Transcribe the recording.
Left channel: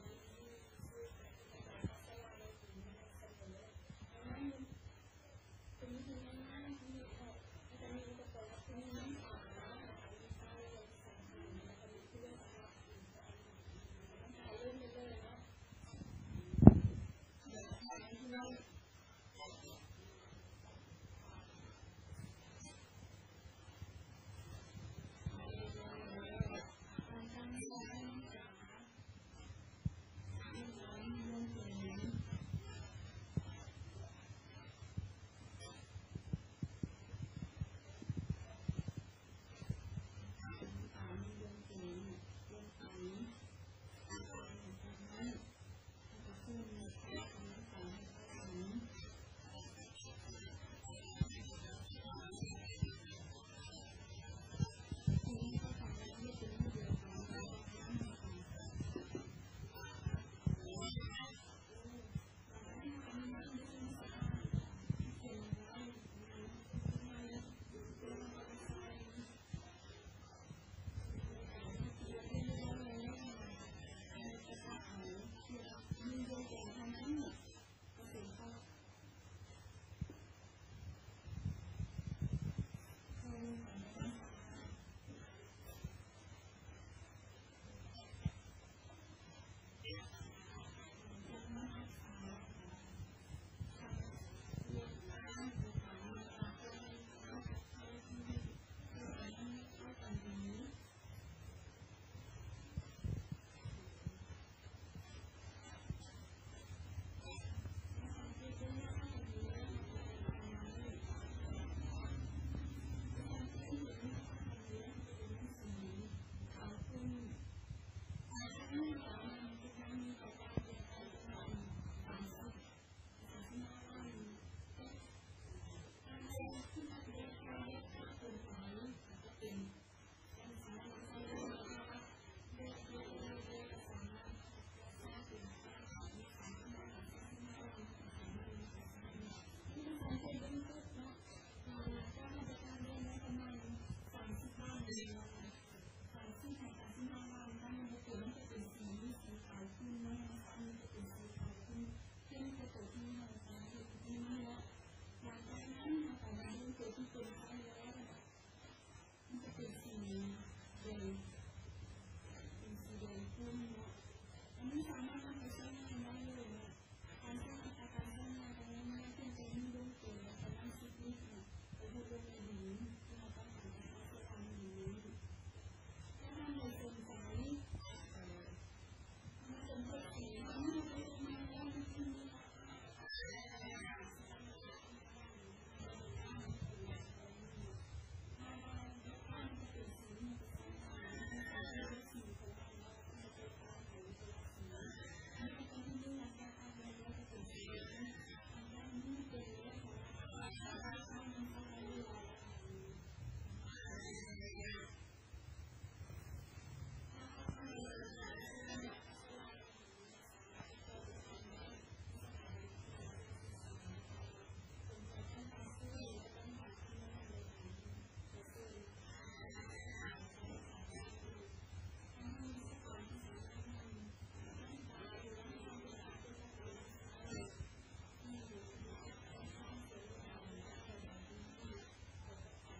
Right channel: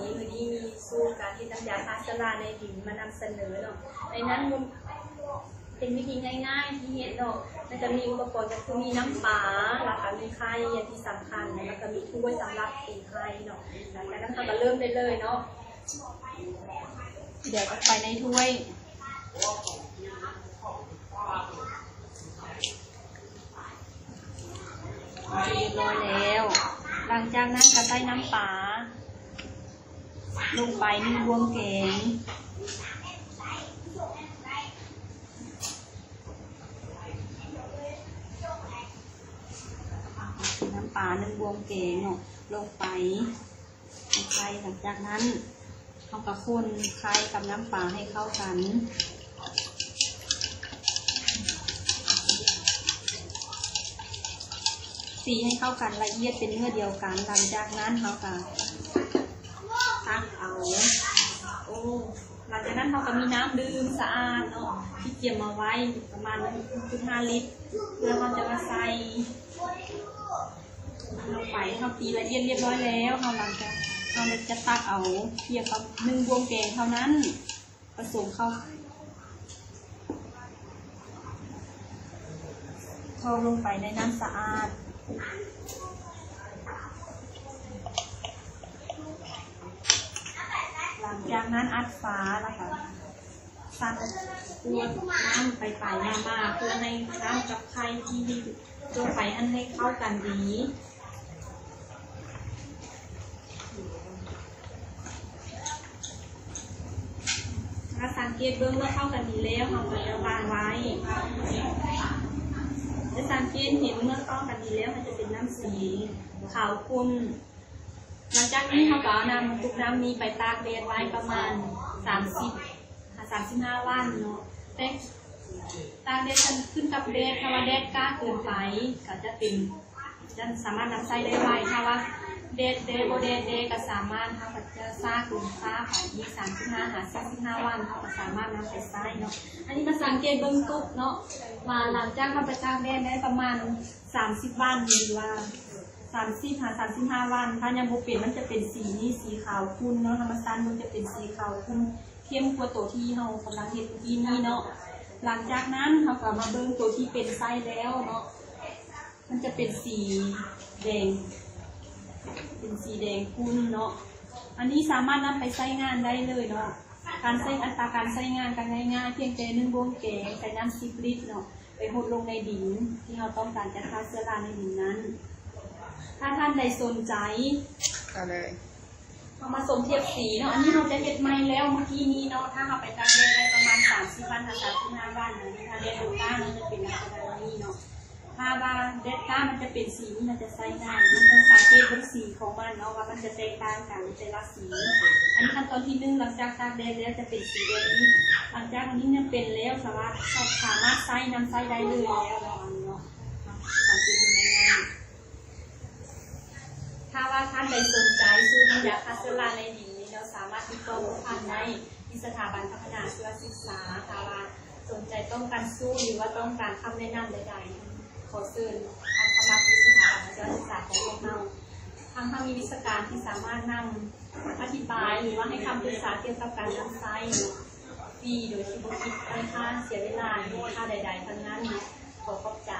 นี้มีสูตรการที่น้ำยาพาสลาในดินมานำเสนอเนาะในนั้นเป็นวิธีง่ายๆที่เห็นเนาะมันจะมีอุปกรณ์ก็คือมีน้ำปลาแล้วก็มีไข่อย่างที่สำคัญแล้วก็มีถ้วยสำหรับตีไข่เนาะหลังจากนั้นเราก็เริ่มได้เลยเนาะเดี๋ยวก็ไปในถ้วยเรียบร้อยแล้วหลังจากนั้นก็ใส่น้ำปลาลงไป1 บวงแกงน้ำปลา1 บวงแกงเนาะลงไปไข่หลังจากนั้นเราก็คนไข่กับน้ำปลาให้เข้ากันตีให้เข้ากันละเอียดเป็นเนื้อเดียวกันหลังจากนั้นเราก็ตักเอาหลังจากนั้นเราก็มีน้ำดื่มสะอาดเนาะที่เตรียมมาไว้ประมาณ 1.5 ลิตรเพื่อเราจะมาใส่ลงไปเราตีละเอียดเรียบร้อยแล้วหลังจากเราจะตักเอาเพียงกับ1 บวงแกงเท่านั้นผสมเข้าลงไปในน้ำสะอาดหลังจากนั้นอัดฝาแล้วค่ะซันตัวน้ำไปมาเพื่อให้น้ำกับไข่ที่ตัวไฟอันให้เข้ากันดีถ้าสังเกตเบื้องเมื่อเข้ากันดีแล้วเราก็จะวางไว้ถ้าสังเกตเห็นเมื่อเข้ากันดีแล้วมันจะเป็นน้ำสีขาวขุ่นหลังจากนี้เราก็นำทุกน้ำนี้ไปตากแดดไว้ประมาณ35 วันเนาะแต่ตากแดดขึ้นกับแดดถ้าว่าแดดกล้าเกินไปก็จะสามารถนำใส่ได้ไวถ้าว่าแดดโบแดดก็สามารถเขาจะซากลงซาไปที่35 วันเขาก็สามารถนำไปใส่เนาะอันนี้มาสังเกตเบื้องต้นเนาะมาหลังจากเขาไปตากแดดได้ประมาณ30 วันหรือว่า35 วันถ้ายังโบเปลี่ยนมันจะเป็นสีนี้สีขาวขุ่นเนาะธรรมชาติมันจะเป็นสีขาวขุ่นเข้มกว่าตัวที่เรากำลังเห็นที่นี่เนาะหลังจากนั้นเราก็มาเบิ่งตัวที่เป็นไส้แล้วเนาะมันจะเป็นสีแดงขุ่นเนาะอันนี้สามารถนำไปใช้งานได้เลยเนาะการใช้อัตราการใช้งานกันง่ายๆเพียงแต่1 บวงแกงใส่น้ำ10 ลิตรเนาะไปหดลงในดินที่เราต้องการจะฆ่าเชื้อราในดินนั้นถ้าท่านใดสนใจก็เลยเอามาสมเทียบสีเนาะอันนี้เราจะเห็ดใหม่แล้วเมื่อกี้นี้เนาะถ้าเราไปตากแดดได้ประมาณ30 วัน35 วันนะถ้าแดดลงก้ามันจะเป็นลักษณะนี้เนาะถ้าว่าแดดก้ามันจะเป็นสีมันจะใส่ง่ายมันต้องสังเกตบนสีของมันเนาะว่ามันจะแตกต่างกันแต่ละสีอันนี้ขั้นตอนที่1หลังจากตากแดดแล้วจะเป็นสีแบบนี้หลังจากนี้เนี่ยเป็นแล้วสามารถใส่น้ำใส่ได้เลยแล้วเนาะสังเกตดูง่ายถ้าว่าท่านใดสนใจซื้อน้ำยาฆ่าเชื้อราในดินนี้เราสามารถติดต่อผ่านได้ที่สถาบันพัฒนาชีวศึกษาถ้าว่าสนใจต้องการสู้หรือว่าต้องการคำแนะนำใดๆขอเชิญท่านเข้ามาที่สถาบันชีวศึกษาของพวกเราทางมีวิชาการที่สามารถนำอธิบายหรือว่าให้คำปรึกษาเกี่ยวกับการนำไส้ฟรีโดยที่ไม่คิดค่าเสียเวลาหรือค่าใดๆทั้งนั้นขอขอบใจ